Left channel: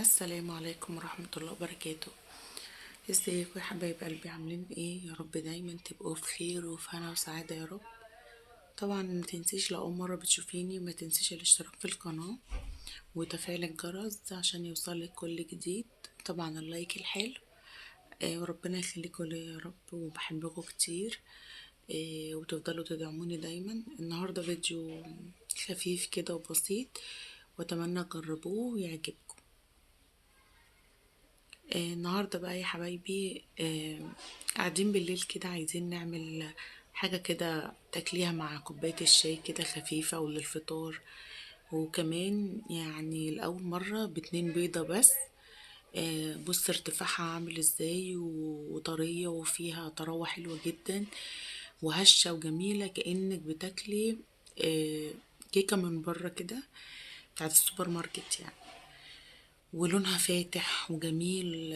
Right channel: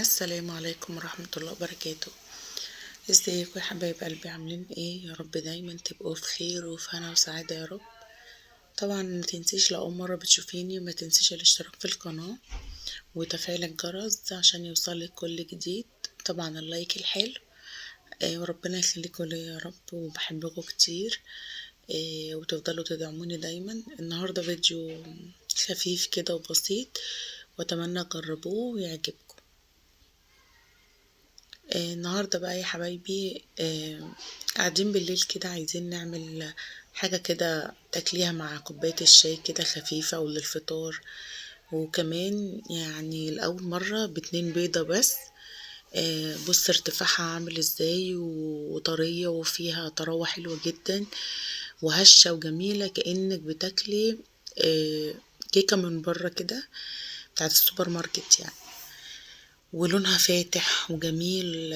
السلام عليكم ورحمة الله وبركاته. ازيكم يا حبايب قلبي، عاملين ايه؟ يا رب دايما تبقوا في خير وفي هنا وسعادة يا رب. طبعا ما تنسيش لو اول مرة بتشوفيني ما تنسيش الاشتراك في القناة وتفعيل الجرس عشان يوصلك كل جديد. طبعا اللايك الحلو. وربنا يخليكم ليا يا رب، وبحبكم كتير. وتفضلوا تدعموني دايما. النهاردة فيديو خفيف كده وبسيط، واتمنى تجربوه ويعجبكم. النهاردة بقى يا حبايبي، قاعدين بالليل كده عايزين نعمل حاجة كده تاكليها مع كوباية الشاي كده خفيفة وللفطار. وكمان يعني لأول مرة باتنين بيضة بس. بص ارتفاعها عامل ازاي وطرية وفيها طراوة حلوة جدا وهشة وجميلة، كأنك بتاكلي كيكة من بره كده بتاعت السوبر ماركت يعني. ولونها فاتح وجميل.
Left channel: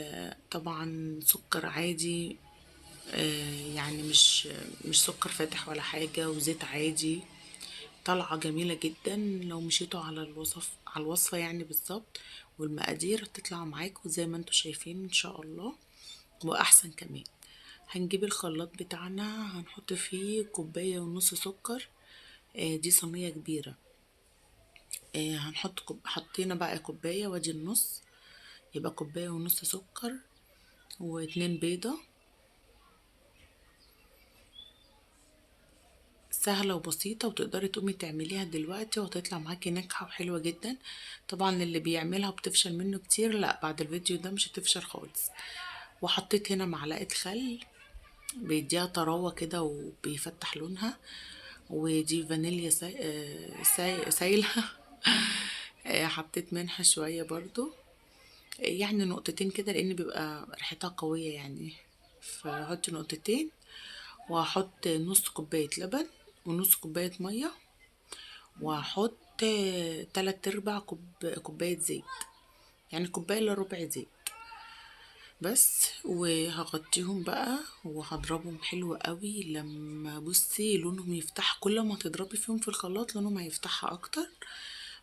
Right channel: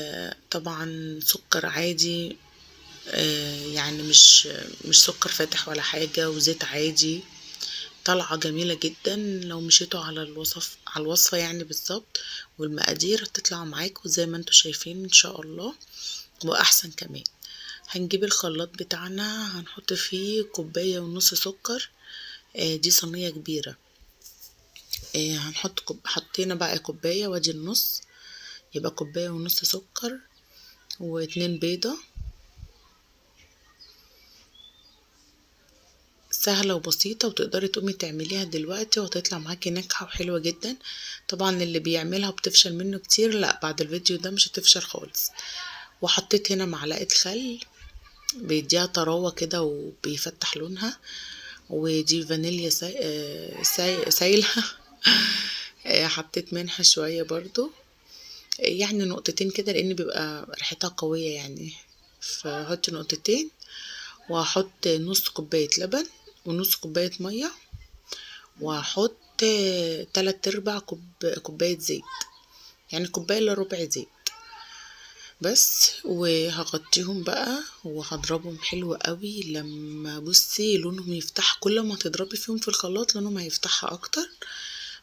طبعا سكر عادي، يعني مش سكر فاتح ولا حاجة، وزيت عادي. طالعة جميلة جدا لو مشيتوا على الوصفة يعني بالظبط، والمقادير هتطلع معاكم زي ما انتوا شايفين ان شاء الله، واحسن كمان. هنجيب الخلاط بتاعنا، هنحط فيه كوباية ونص سكر. دي صينية كبيرة. هنحط حطينا بقى كوباية وادي النص، يبقى كوباية ونص سكر واتنين بيضة. سهلة وبسيطة، وتقدري تقومي تعمليها دلوقتي وهتطلع معاكي ناجحة وحلوة جدا. طبعا اللي بيعملها وبتفشل منه كتير، لا بعد الفيديو ده مش هتفشل خالص. وحطيت هنا معلقة خل بيديها طراوة كده وبيفتح لونها. ودي فانيليا سايلة. حطيت منها شوية برضو، يعني نقطتين كده لان بيبقى ريحتها قوية يعني، فحط نقطتين. وهحط نص كوباية لبن ونص كوباية مية، وهحط تلات ارباع كوباية زيت، يعني كوباية الا ربع زيت بس. وهغطيهم بقى وهضربهم حلو قوي. لما بصي لونهم يفتح، كل ما تضربي فيهم في الخلاط لونهم هيفتحها اكتر،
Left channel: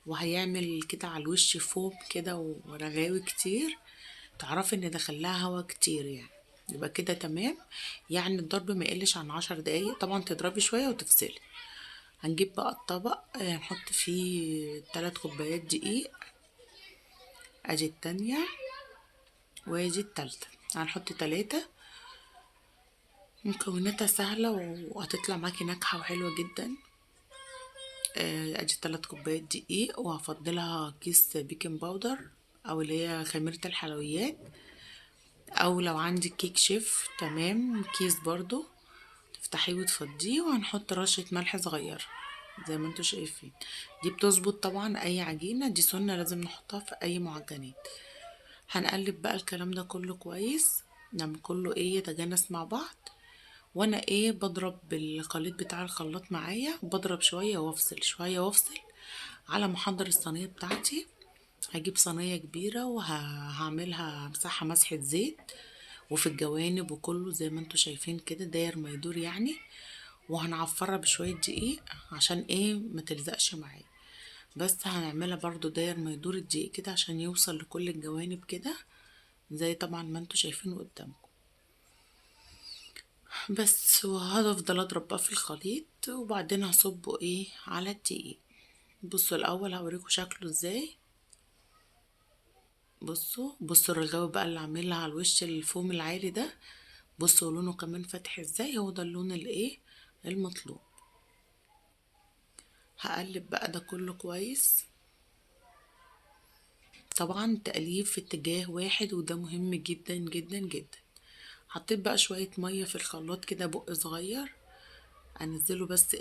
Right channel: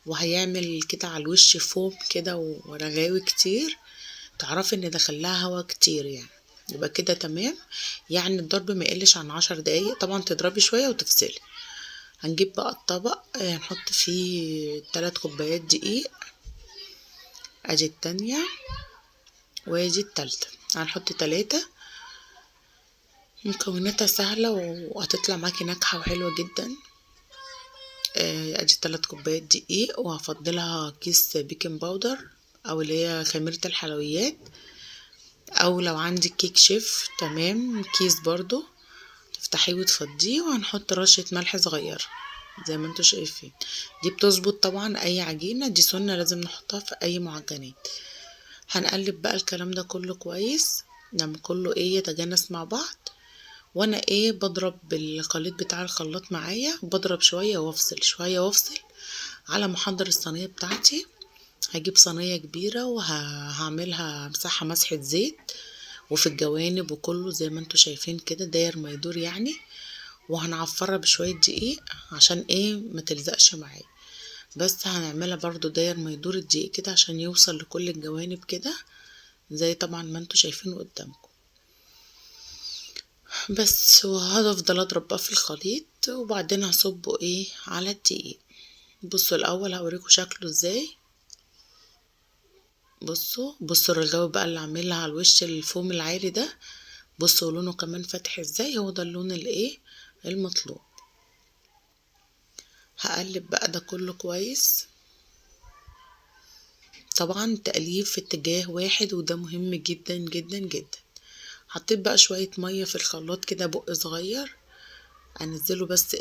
وهيعمل كده على الوش فوم كده ورغاوي كتير، تعرفي ان دخلها هوا كتير يعني. يبقى كده تمام، يعني الضرب ما يقلش عن 10 دقايق. طبعا تضربي شوية وتفصلي. هنجيب بقى الطبق، هنحط فيه 3 كوبايات دقيق. ادي التانية وادي التالتة، هنحط 3. مكوناتها سهلة وهتطلع معاكي ناجحة وحلوة جدا. ادي 3 كوبايات دقيق، وهفضلها كيس بيكنج باودر او اللي هي خميرة الحلويات، او لو عندك كيك شيف تمام كيس برضو تفتحيه وتفضيه. وهنحط رشة ملح صغيرة زي ما انتوا شايفين. دي بتظبط طبعا اي عجينة، دي سنة لازم نحطها في اي معجنات. هنقلب بقى الكلام ده كله كويس لما كله يتجانس مع بعض. وانا بضرب بالخليط بتاع الخلاط معايا، بضرب شوية وافصل شوية وافصل على ما احضر الصينية بتاعتي. هجيب صينية كبيرة وهعملها مسحة مسحة زيت، وفي الجوانب وكله زي ما انتوا شايفين كده داير ما يدور يعني. وهنعفرها بشوية دقيق عشان ما تلزقش معايا. بس هنعملها برضو داير ما يدور الدقيق كده عشان يوصل لكل الجوانب كده زي طبعا ما انتوا شايفين قدامكم. بس وهفضل اضرب بقى في الخليط، وبعدين هصبه على الدقيق. بصوا الاول هوريكم شكله ازاي. بصوا الرغاوي بقى اللي عاملها على الوش الفوم العالي ده. بصوا لونه كمان فاتح ازاي، هو ده اللون المطلوب. هقلب بقى ده كله كويس. طبعا تقليب في اتجاه واحد، وده مهم جدا جدا جدا. حطيت بقى شوية مية في الخلاط كده بق صغير، انزله بس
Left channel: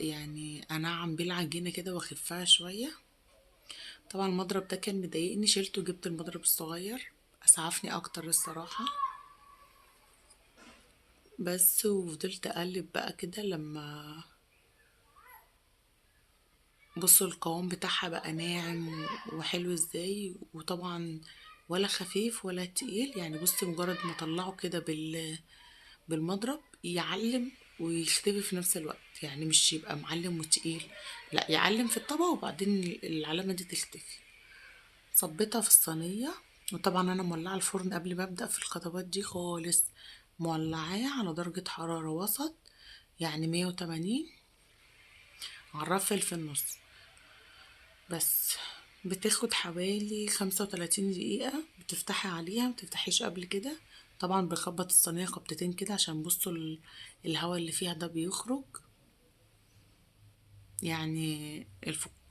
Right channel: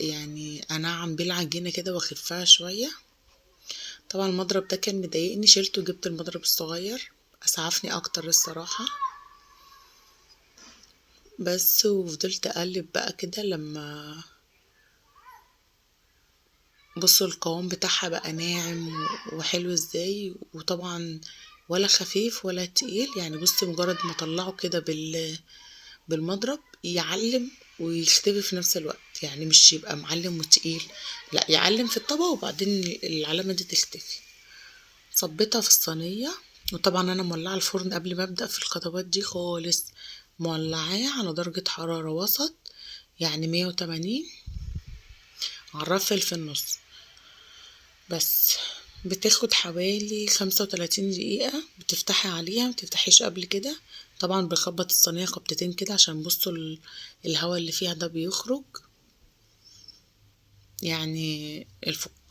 يعني انعم بيه العجينة كده واخفها شوية. طبعا المضرب ده كان مضايقني، شلته وجبت المضرب الصغير، اسعفني اكتر الصراحة. بس وفضلت اقلب بقى كده لما بصوا القوام بتاعها بقى ناعم وحلو ازاي. وطبعا ولا خفيف ولا تقيل يعني. بصي مجرد ما اطلعه كده بالمضرب يعلم ويختفي في نفس الوقت، يعني مش يبقى معلم وتقيل، لا يعلم في الطبق وبعدين العلامة دي تختفي. صبيتها في الصينية. وطبعا انا مولعة الفرن قبل ما ابدأ في الخطوات دي خالص، مولعاه على درجة حرارة وسط، يعني 180 على الرف في النص بس. بتاخد حوالي 35 دقيقة. بتفتحي عليها، متفتحيش قبل كده. طبعا بخبط الصينية خبطتين كده عشان بصوا الهواء اللي فيها ده بيخرج، يعني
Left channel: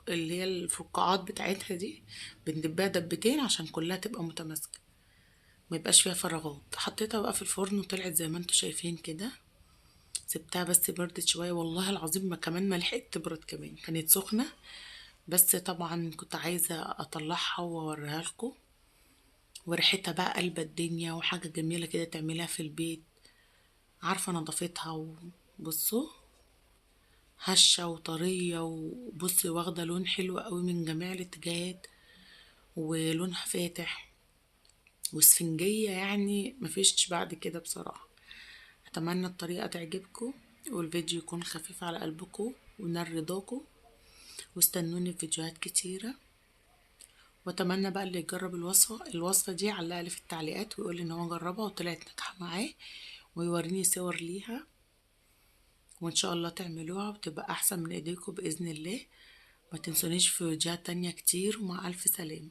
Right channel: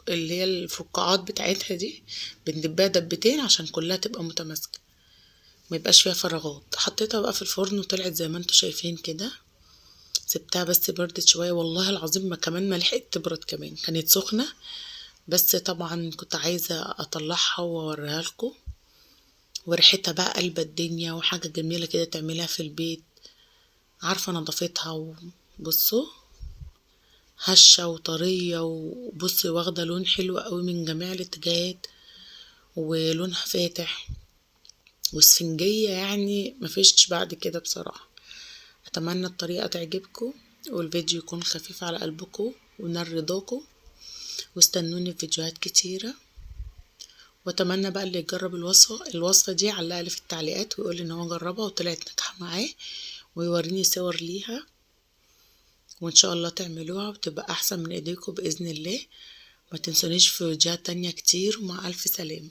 اللي هي الفقاعات بتاعتها دي بندبها دبتين عشان كلها تبقى متماسكة، ما يبقاش فيها فراغات. حطيتها بقى في الفرن وطلعت زي ما انتوا شايفين كده. سبتها بس بردت شوية، والله العظيم ما كمان ما لحقت تبرد، كمان كانت سخنة. بس طبعا كنت عايزة اطلعها واوريها لكم. وريحتها بقى قلبة الدنيا، وحاجة جميلة كده تعملها في البيت. عارفة نظافتها. وبصوا هشة وطرية، وبصي واخدة لون حلو قوي من جميع الاتجاهات، ولونها فاتح واسفنجية، يعني مفيش بعد كده بصراحة. اتمنى الطريقة تعجبكم، والفيديو يكون خفيف على قلبكم ونال رضاكم، واستنوني في فيديوهات كتيرة. واتمنى بقى اللي يجرب الوصفة دي يعلقلي في التعليقات ويقول ان هو جربها وطلعت ناجحة معاه، ويوريني صور ليها. وان شاء الله تعملوها وتبقى احسن من ايديكم باذن الله. ما تنسونيش في فيديوهات تانية كتير، ومع الف سلامة.